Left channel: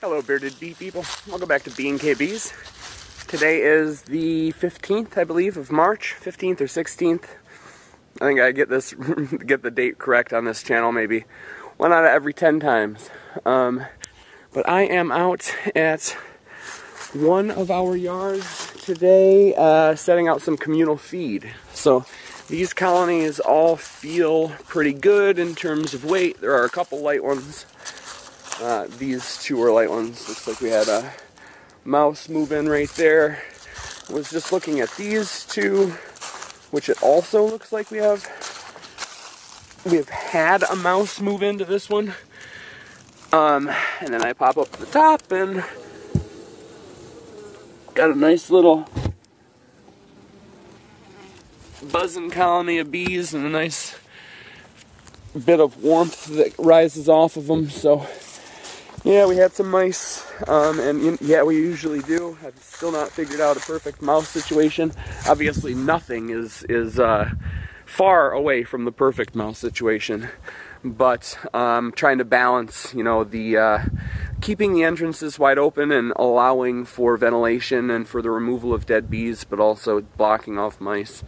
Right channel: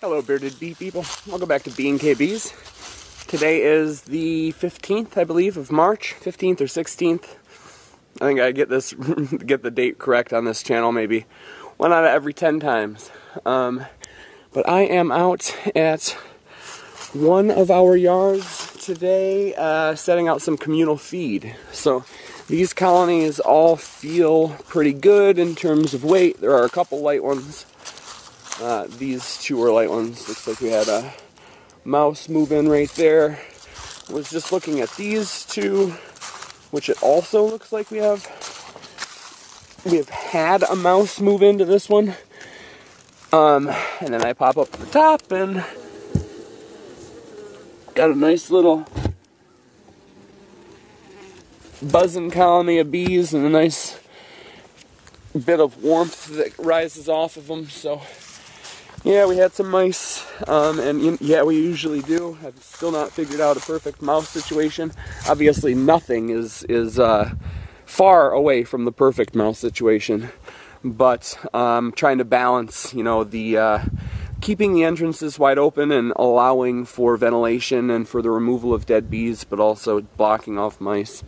Hello bearded bee people, welcome back to B&K Bees. Today is the 15th, I believe, of March, 15th or 16th. I think I get the date correct on this channel maybe 1 out of every 10 times. But I am out at one of our yards today setting out some communal feed. So these colonies all feel pretty good in terms of weight. There are a couple light ones. These two are light ones. Looks like we had a mouse move in right there. I was just looking at these two, which it also looks like we have had a mouse move into this one. And then I pop up the top and got a nice little buzzing colony of bees and a nice bit of warmth that rises off of them. So yeah, we had some mice, and yeah, we usually do. I've still not figured out a perfect mouse situation. Obviously, nothing is far away from the perfect mouse situation, but trying to balance, you know, the keeping the entrances wide open and allowing for ventilation and for the removal of dead bees, but also blocking off mice.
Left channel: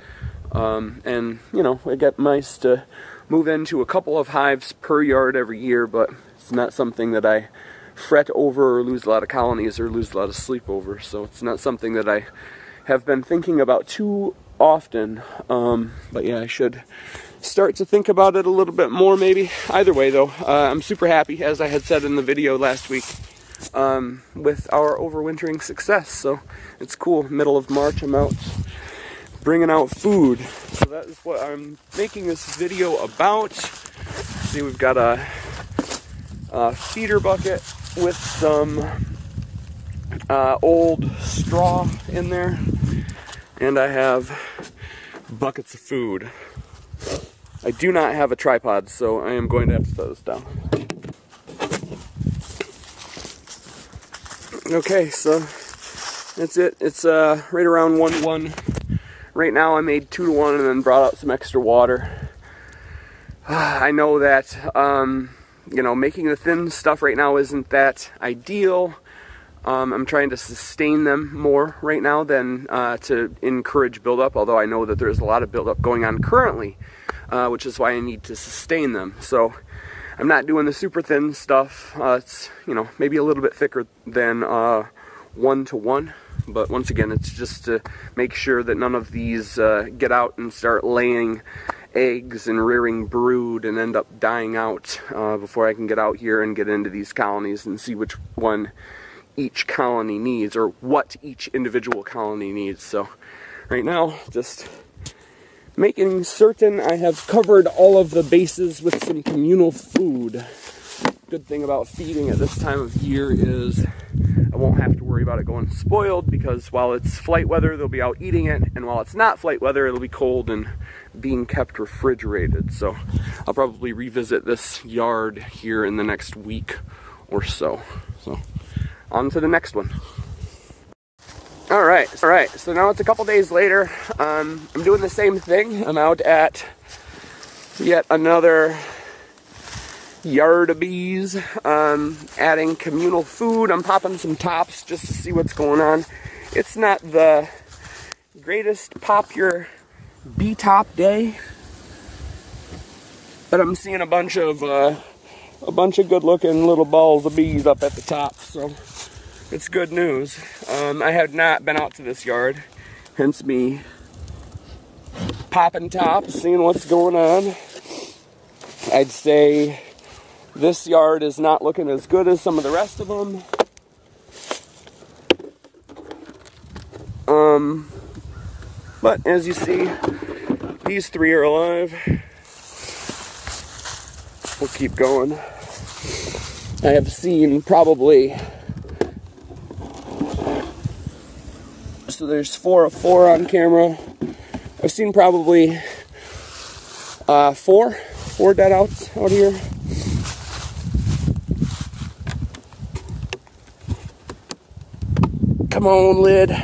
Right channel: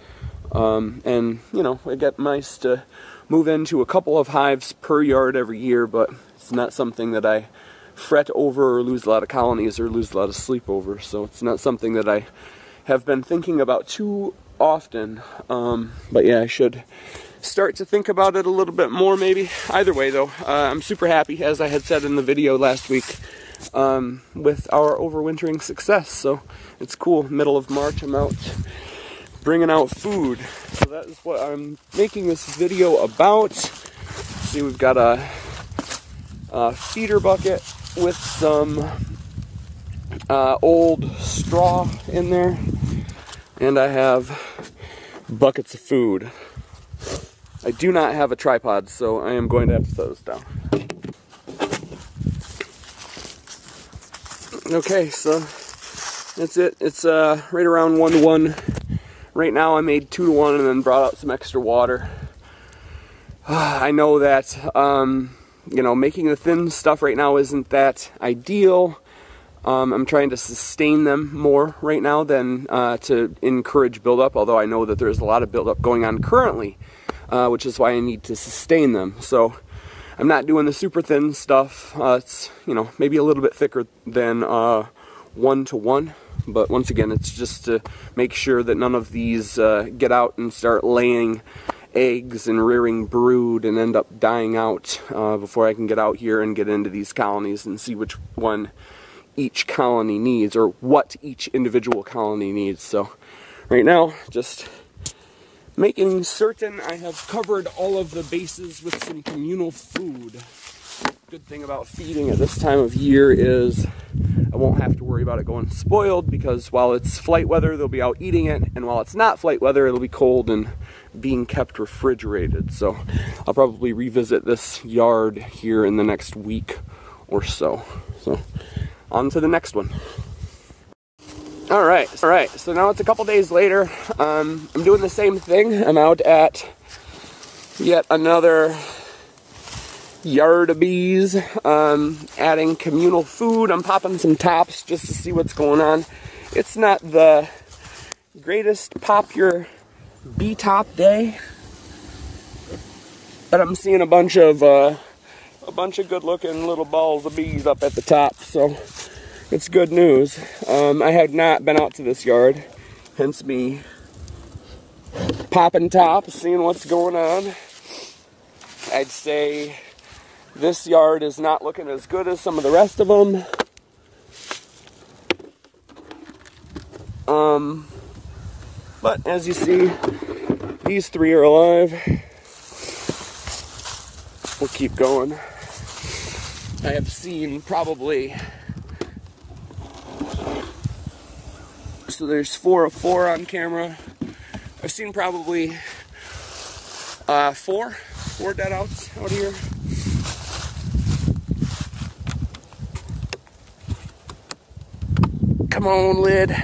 And you know, I get mice to move into a couple of hives per yard every year, but it's not something that I fret over or lose a lot of colonies or lose a lot of sleep over. So it's not something that I have been thinking about too often. But yeah, I should start to think about it a little bit more maybe. Either way though, I'm super happy, as I had said in the video last week, with our overwintering success. So it's cool, middle of March, I'm out bringing out food. So that is what I'm making this video about. See, we've got a feeder bucket with some old straw in there, and I have buckets of food. I do not have a tripod, so I am going to have to set this down. Okay, so that's it. It's right around 1 to 1. Right now I made 2 to 1 and then brought out some extra water. I know that, you know, making the thin stuff right now isn't that ideal. I'm trying to sustain them more right now than to encourage buildup, although I know that there's a lot of buildup going on currently, which is why I need to sustain them. So I'm not doing the super thin stuff. It's, you know, maybe a little bit thicker than 1 to 1. But once again, it's just to make sure that none of these get out and start laying eggs and rearing brood and end up dying out before I can get out here and get into these colonies and see which one each colony needs, or what each individual colony needs. So right now, just making certain I have covered all of the bases with some communal food. Good thing about feeding at this time of year is I won't have to worry about it going spoiled, because while it's flight weather, they'll be out eating it, and while it's not flight weather, it'll be cold and being kept refrigerated. So I'll probably revisit this yard here in the next week or so. So on to the next one. Alright, so now it's a couple days later. I'm doing the same thing. I'm out at yet another yard of bees, adding communal food. I'm popping some tops just to see what's going on. It's not the greatest pop your bee top day, but I'm seeing a bunch of good looking little balls of bees up at the top, so it's good news. I had not been out to this yard, hence me popping tops, seeing what's going on. I'd say this yard is not looking as good as some of the rest of them. But as you see, these 3 are alive. We'll keep going. I have seen probably, so there's 4 of 4 on camera. I've seen probably 4 dead outs out here. Come on, lid.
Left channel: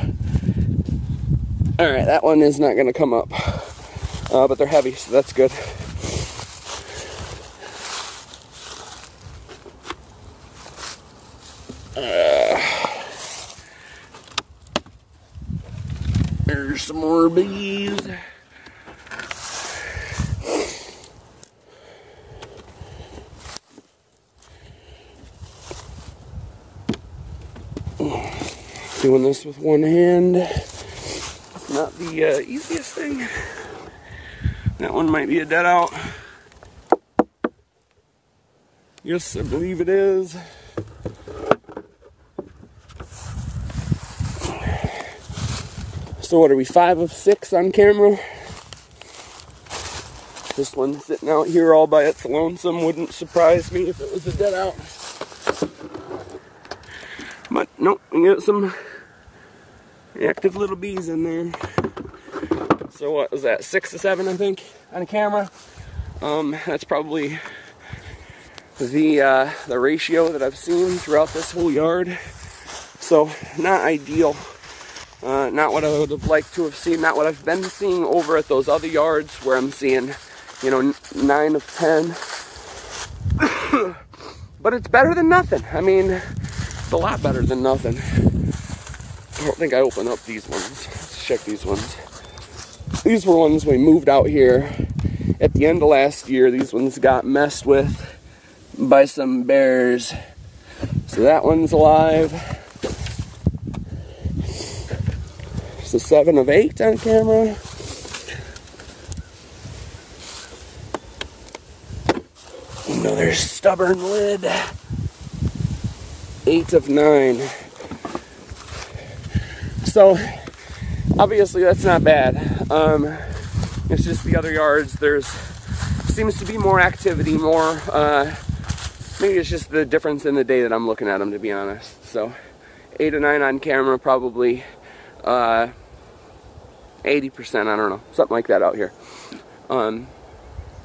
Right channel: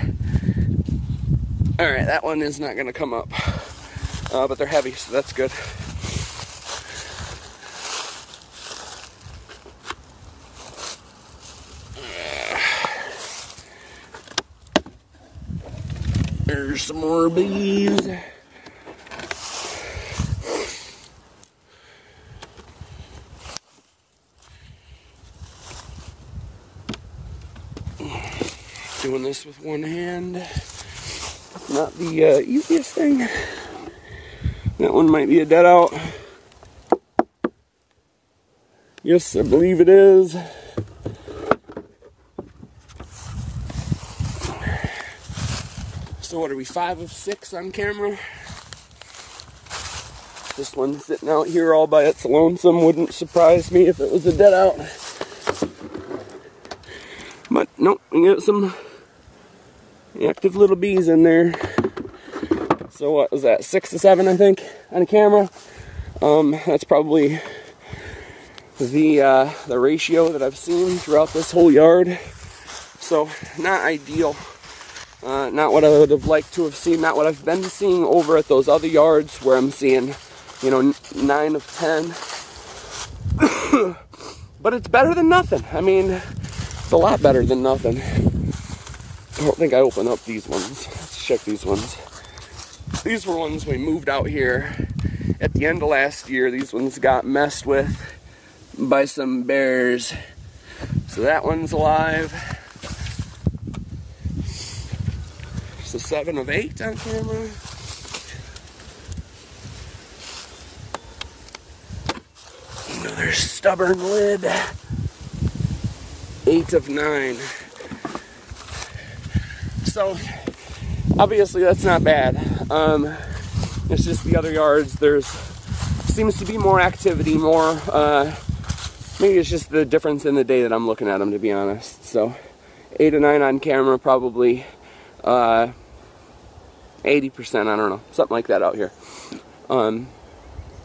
Alright, that one is not going to come up. But they're heavy, so that's good. There's some more bees. Doing this with one hand, not the easiest thing. That one might be a dead out. Yes, I believe it is. So what are we, 5 of 6 on camera? This one's sitting out here all by its lonesome. Wouldn't surprise me if it was a dead out. But nope, we got some active little bees in there. So what was that, 6 to 7 I think on camera? That's probably the ratio that I've seen throughout this whole yard. So not ideal. Not what I would have liked to have seen, not what I've been seeing over at those other yards where I'm seeing, you know, 9 of 10. But it's better than nothing. I mean, it's a lot better than nothing. I don't think I opened up these ones. Let's check these ones. These were ones we moved out here at the end of last year. These ones got messed with by some bears. So that one's alive. It's a 7 of 8 on camera. Another stubborn lid. 8 of 9. So, obviously that's not bad. It's just the other yards, there's seems to be more activity, more, maybe it's just the difference in the day that I'm looking at them, to be honest. So, 8 or 9 on camera, probably 80%, I don't know, something like that out here.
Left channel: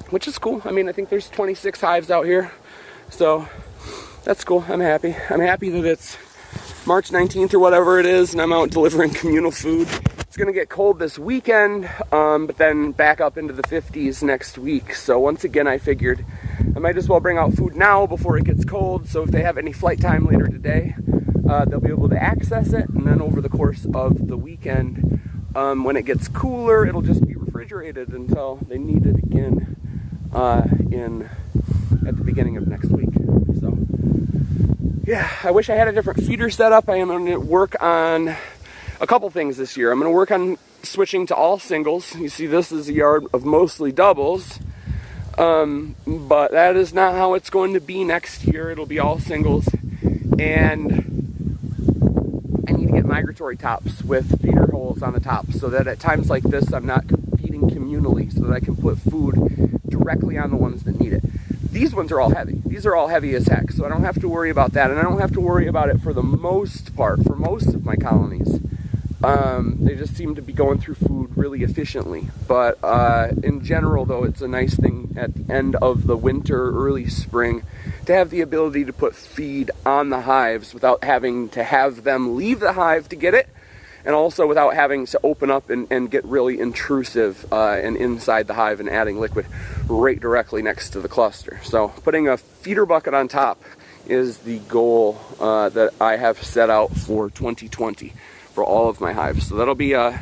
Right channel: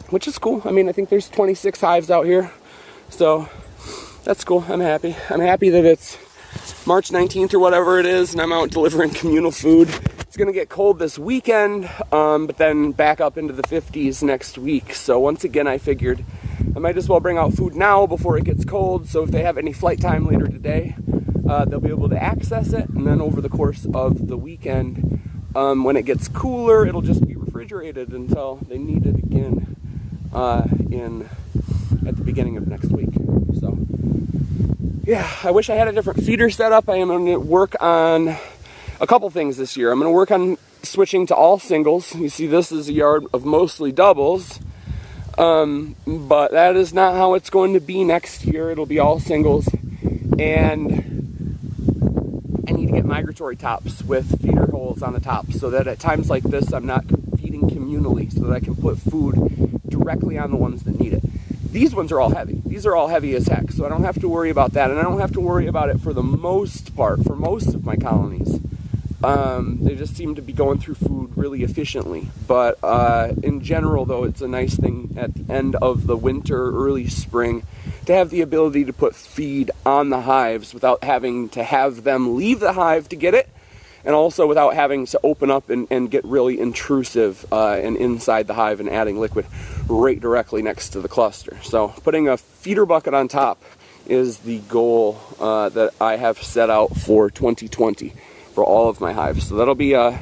Which is cool. I mean, I think there's 26 hives out here, so that's cool. I'm happy. I'm happy that it's March 19th or whatever it is, and I'm out delivering communal food. It's gonna get cold this weekend, but then back up into the 50s next week. So once again, I figured I might as well bring out food now before it gets cold, so if they have any flight time later today, they'll be able to access it, and then over the course of the weekend, when it gets cooler, it'll just be refrigerated until they need it again at the beginning of next week. So yeah, I wish I had a different feeder setup. I am going to work on a couple things this year. I'm going to work on switching to all singles. You see, this is a yard of mostly doubles, but that is not how it's going to be next year. It'll be all singles, and I need to get migratory tops with feeder holes on the top so that at times like this I'm not feeding communally, so that I can put food directly on the ones that need it. These ones are all heavy. These are all heavy as heck, so I don't have to worry about that, and I don't have to worry about it for the most part, for most of my colonies. They just seem to be going through food really efficiently, but in general though, it's a nice thing at the end of the winter, early spring, to have the ability to put feed on the hives without having to have them leave the hive to get it, and also without having to open up and get really intrusive and inside the hive and adding liquid right directly next to the cluster. So putting a feeder bucket on top is the goal that I have set out for 2020 for all of my hives. So that'll be a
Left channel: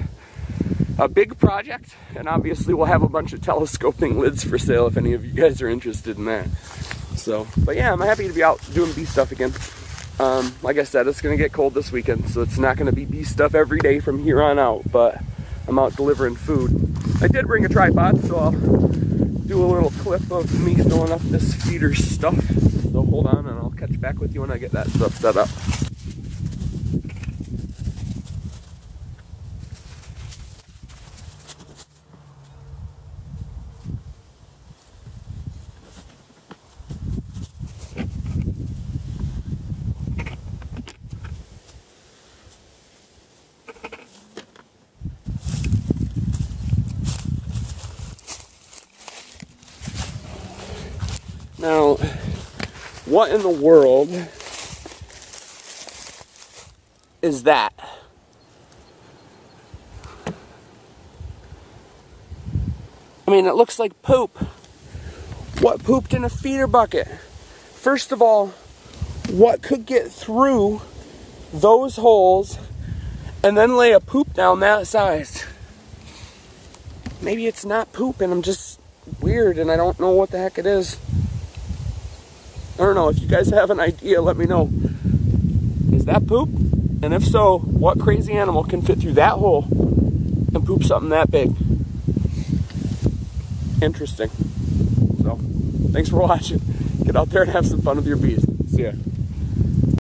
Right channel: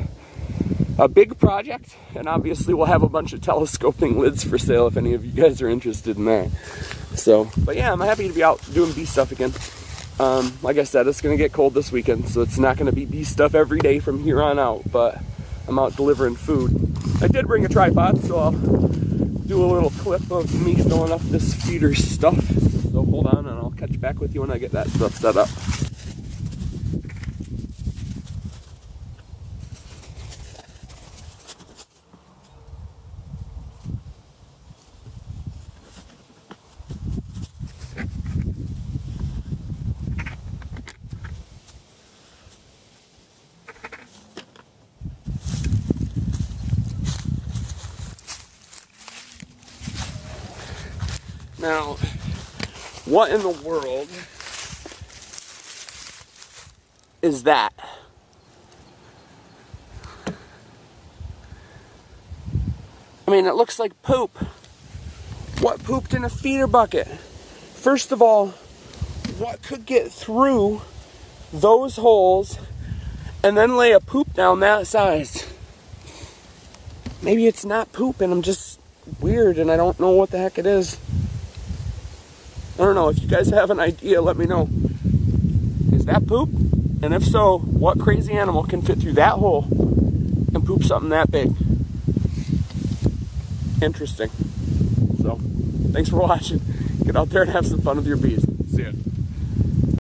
big project, and obviously we'll have a bunch of telescoping lids for sale if any of you guys are interested in that. So, but yeah, I'm happy to be out doing bee stuff again. Like I said, it's going to get cold this weekend, so it's not going to be bee stuff every day from here on out, but I'm out delivering food. I did bring a tripod, so I'll do a little clip of me filling up this feeder stuff. So hold on, and I'll catch back with you when I get that stuff set up. Now, what in the world is that? I mean, it looks like poop. What pooped in a feeder bucket? First of all, what could get through those holes and then lay a poop down that size. Maybe it's not poop and I'm just weird and I don't know what the heck it is. I don't know. If you guys have an idea, let me know. Is that poop? And if so, what crazy animal can fit through that hole and poop something that big? Interesting. So, thanks for watching. Get out there and have some fun with your bees. See ya.